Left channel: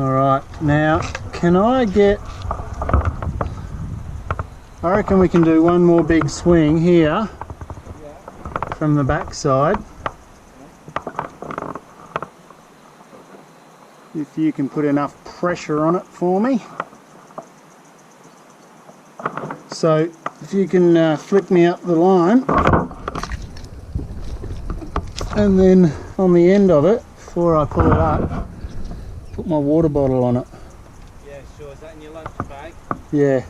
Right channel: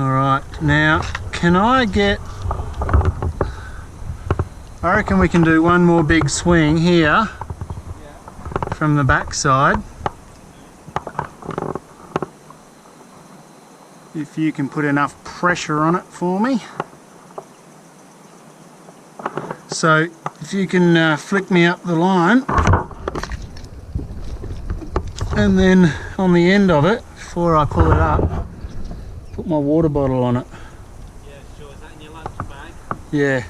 Alright, now can I get... I reckon we can do one more big swing here from the back side. If you can put enough pressure on it for me. So if you can flick me up the line, and then on the end of it, before I pull it up, put my water bottle on it. Yeah, sure. Is that in your lunch bag? Yeah.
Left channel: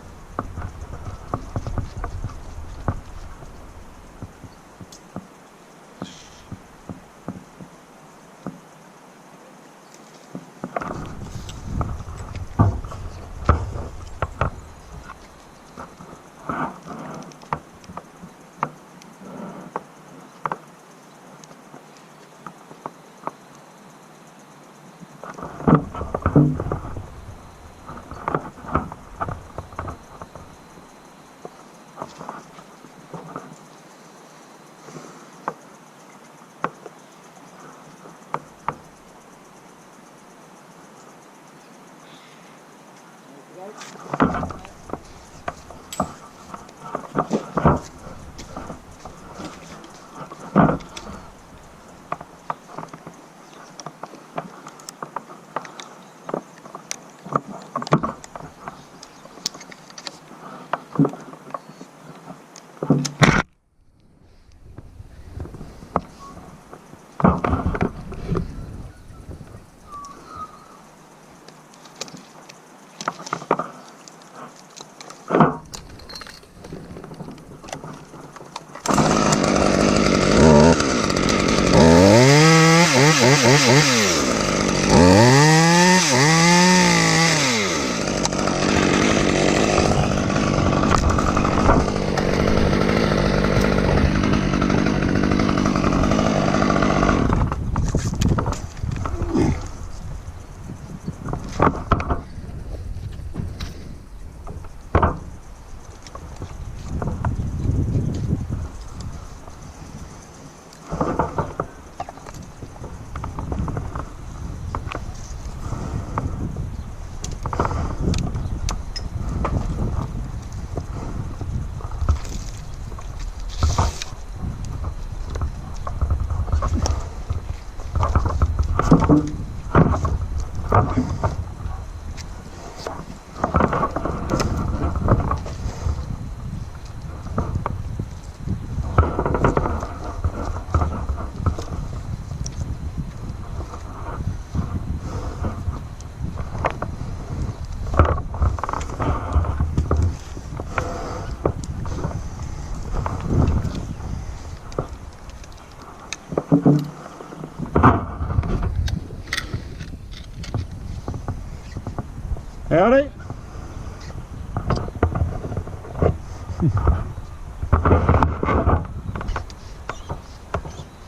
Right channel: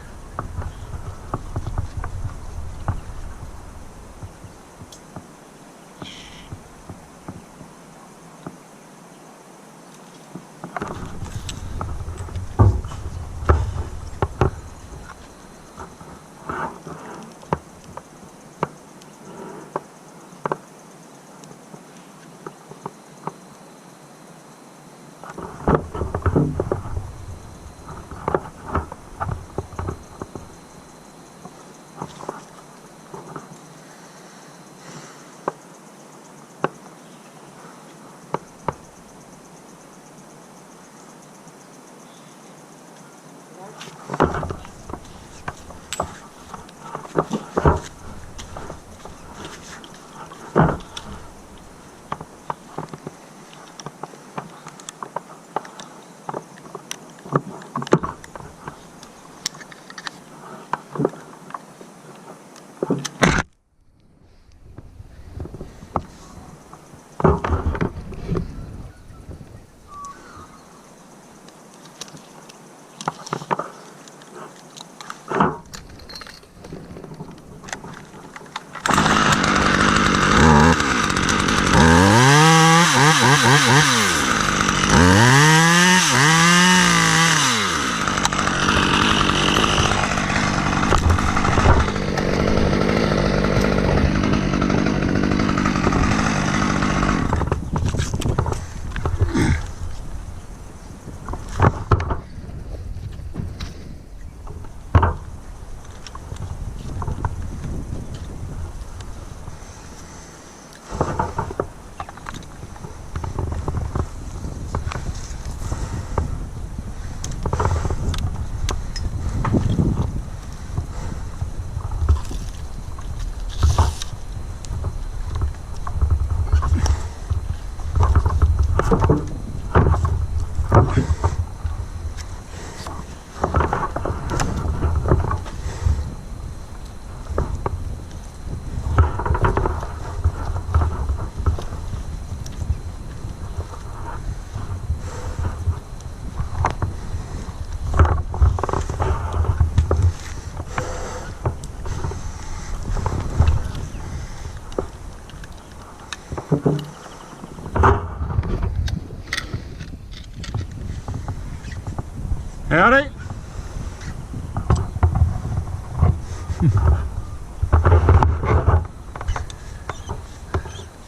Howdy.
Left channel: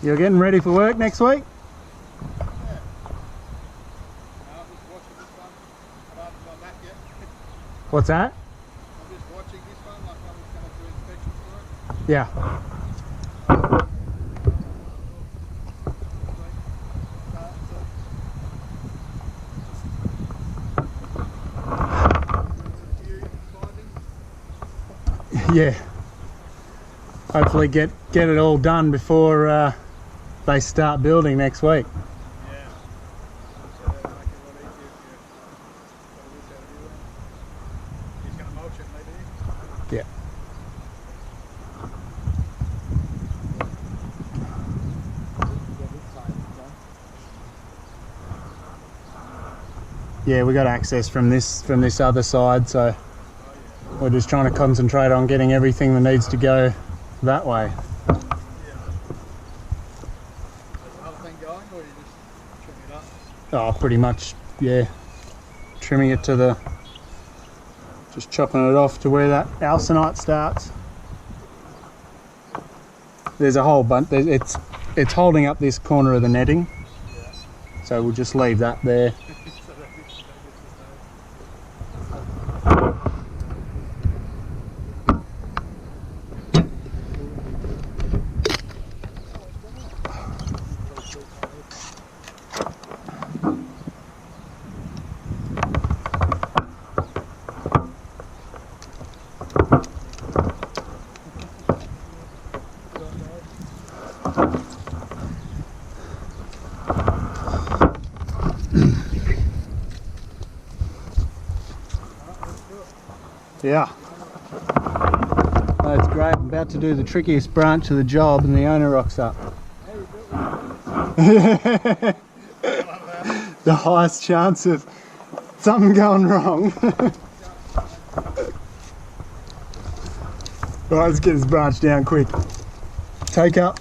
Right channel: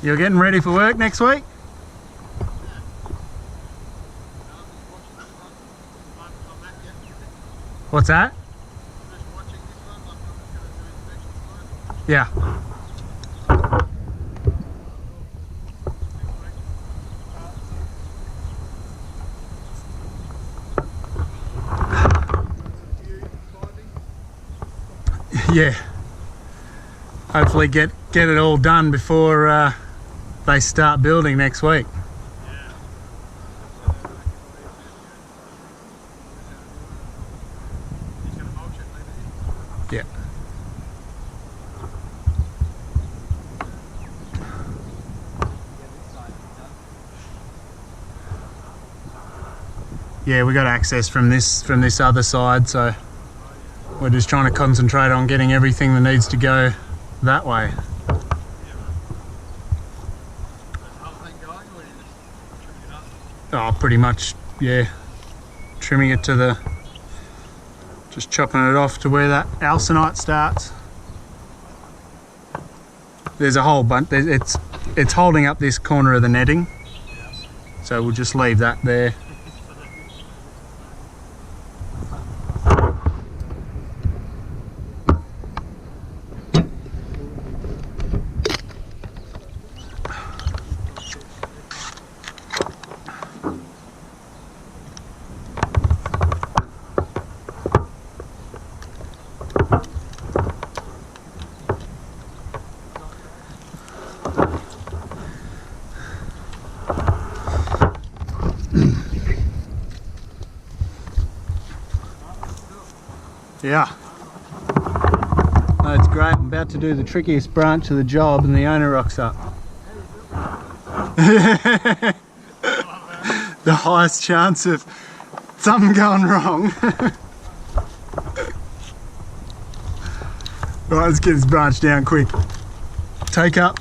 You're getting ready for work next week? Yeah. I'm just watching this one, but I haven't got back yet. What's that? I'm just watching this one, like I'm just going to do inspections for it. Yeah. Next week. Start, Yeah. Hopefully get it all done before they start building next week. yeah. Yeah, that'll make it a lot easier if you got all this out of you. He's going to mulch it maybe. Yeah. Yeah, we got access from this other side, so Oh yeah. we're just trying to concentrate on getting everything that needs to go that way. Yeah. Is the whole thing going, or are you just trimming it up? Oh, pretty much, yeah. Trimming it to the, just chopping it off to where that alcinite starts. There's a whole bunch. It's holding up this corner of the netting, Yeah. so we'll just leave that there. So that gets to the Yeah. Oh, it's great. I'm about to do the trickiest branch of the job and the owner rocks up. The highest chance of something going wrong. Right, let's get this branch down quick. Take up.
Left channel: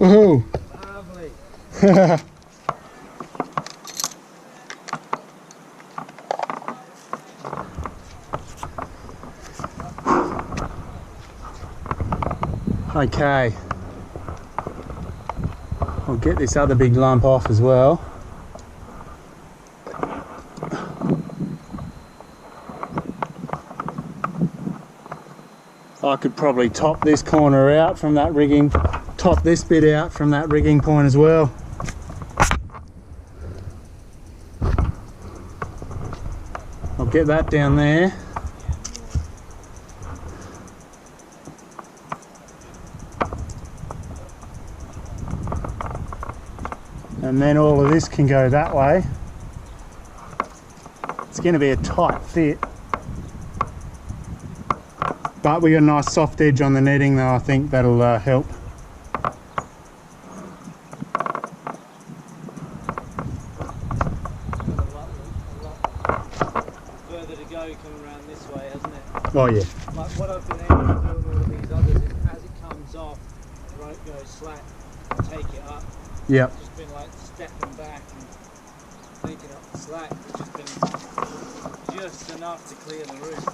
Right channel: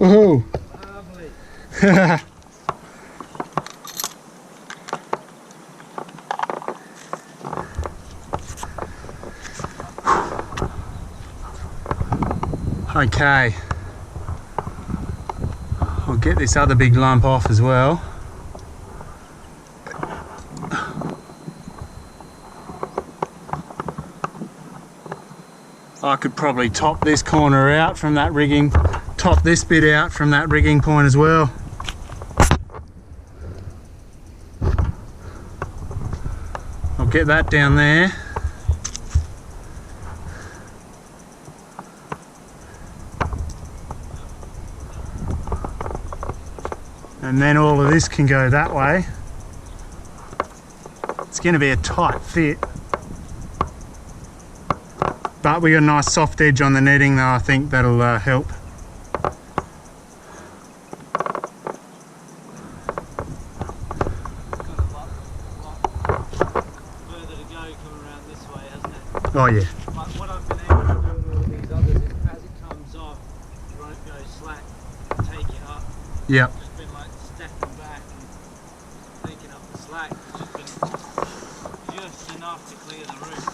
Woohoo! Lovely. Okay, I'll get this other big lump off as well. I could probably top this corner out from that rigging, top this bit out from that rigging point as well. I'll get that down there. And then all of this can go that way. It's going to be a tight fit. But we got a nice soft edge on the netting though, I think that'll help. Further to go coming around this way, hasn't it? Oh yeah. But what I've been able to do in all of these others is as it comes off, the rope goes slack, take it up. Yep. Just been like stepping back and taking up the slack, which has been just enough to clear the roof.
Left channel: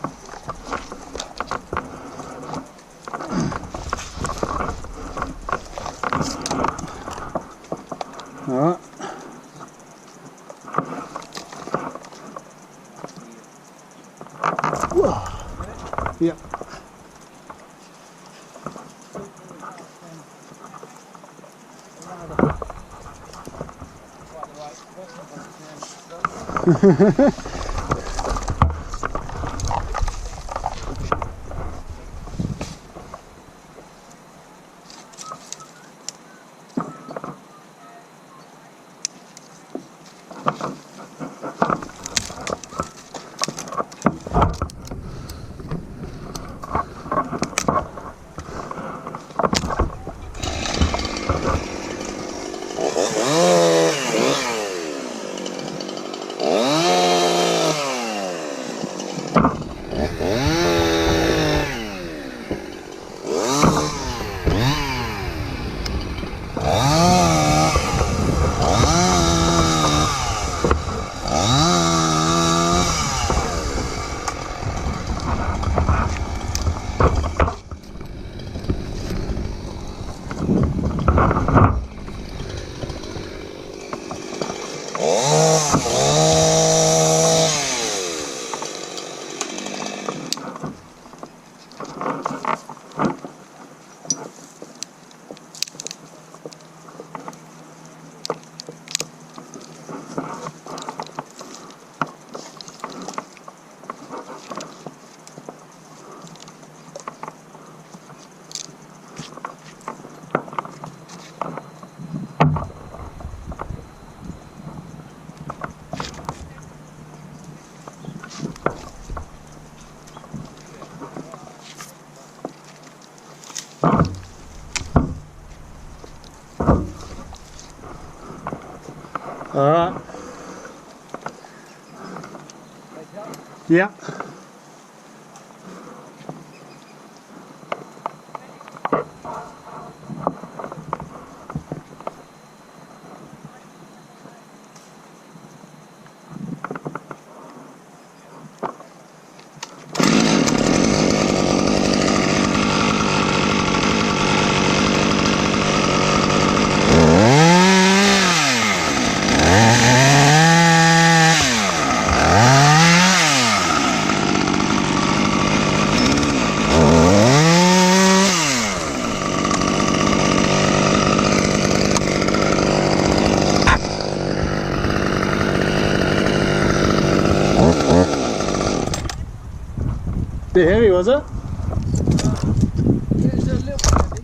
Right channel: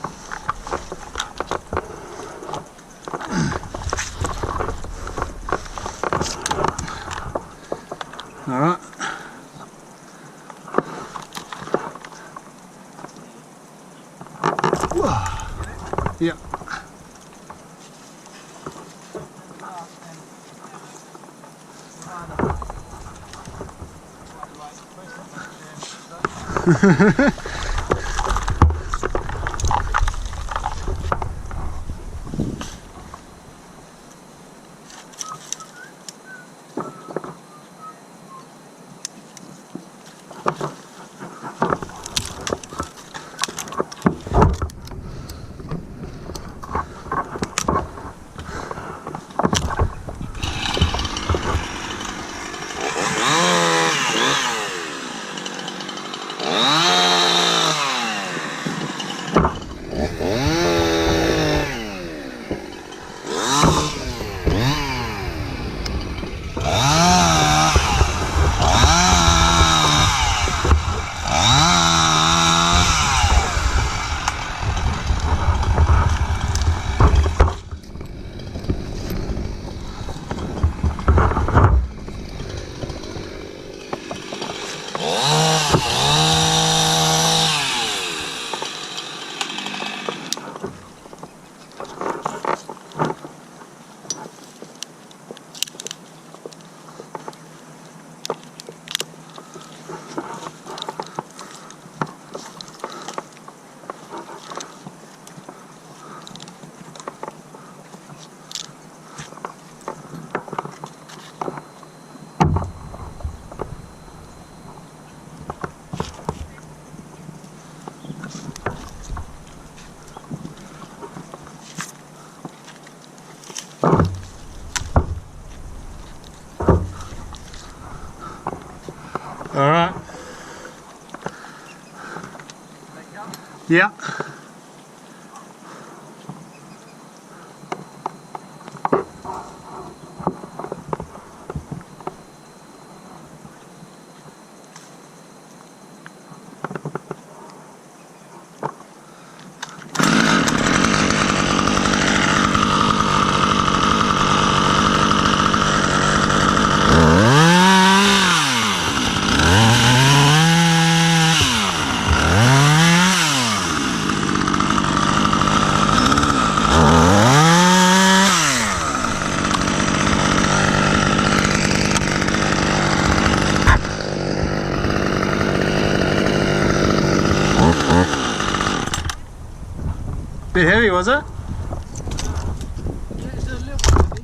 All right. Yep. Quite the right question, All right. Yeah. Bit heavy, was it? Yeah, it's a little bit heavy.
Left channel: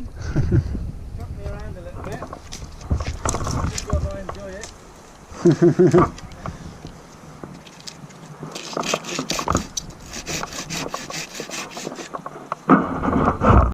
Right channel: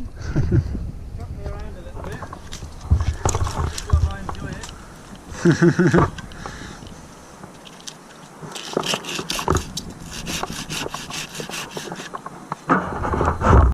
Chucked me around a little bit. Good job I enjoy it.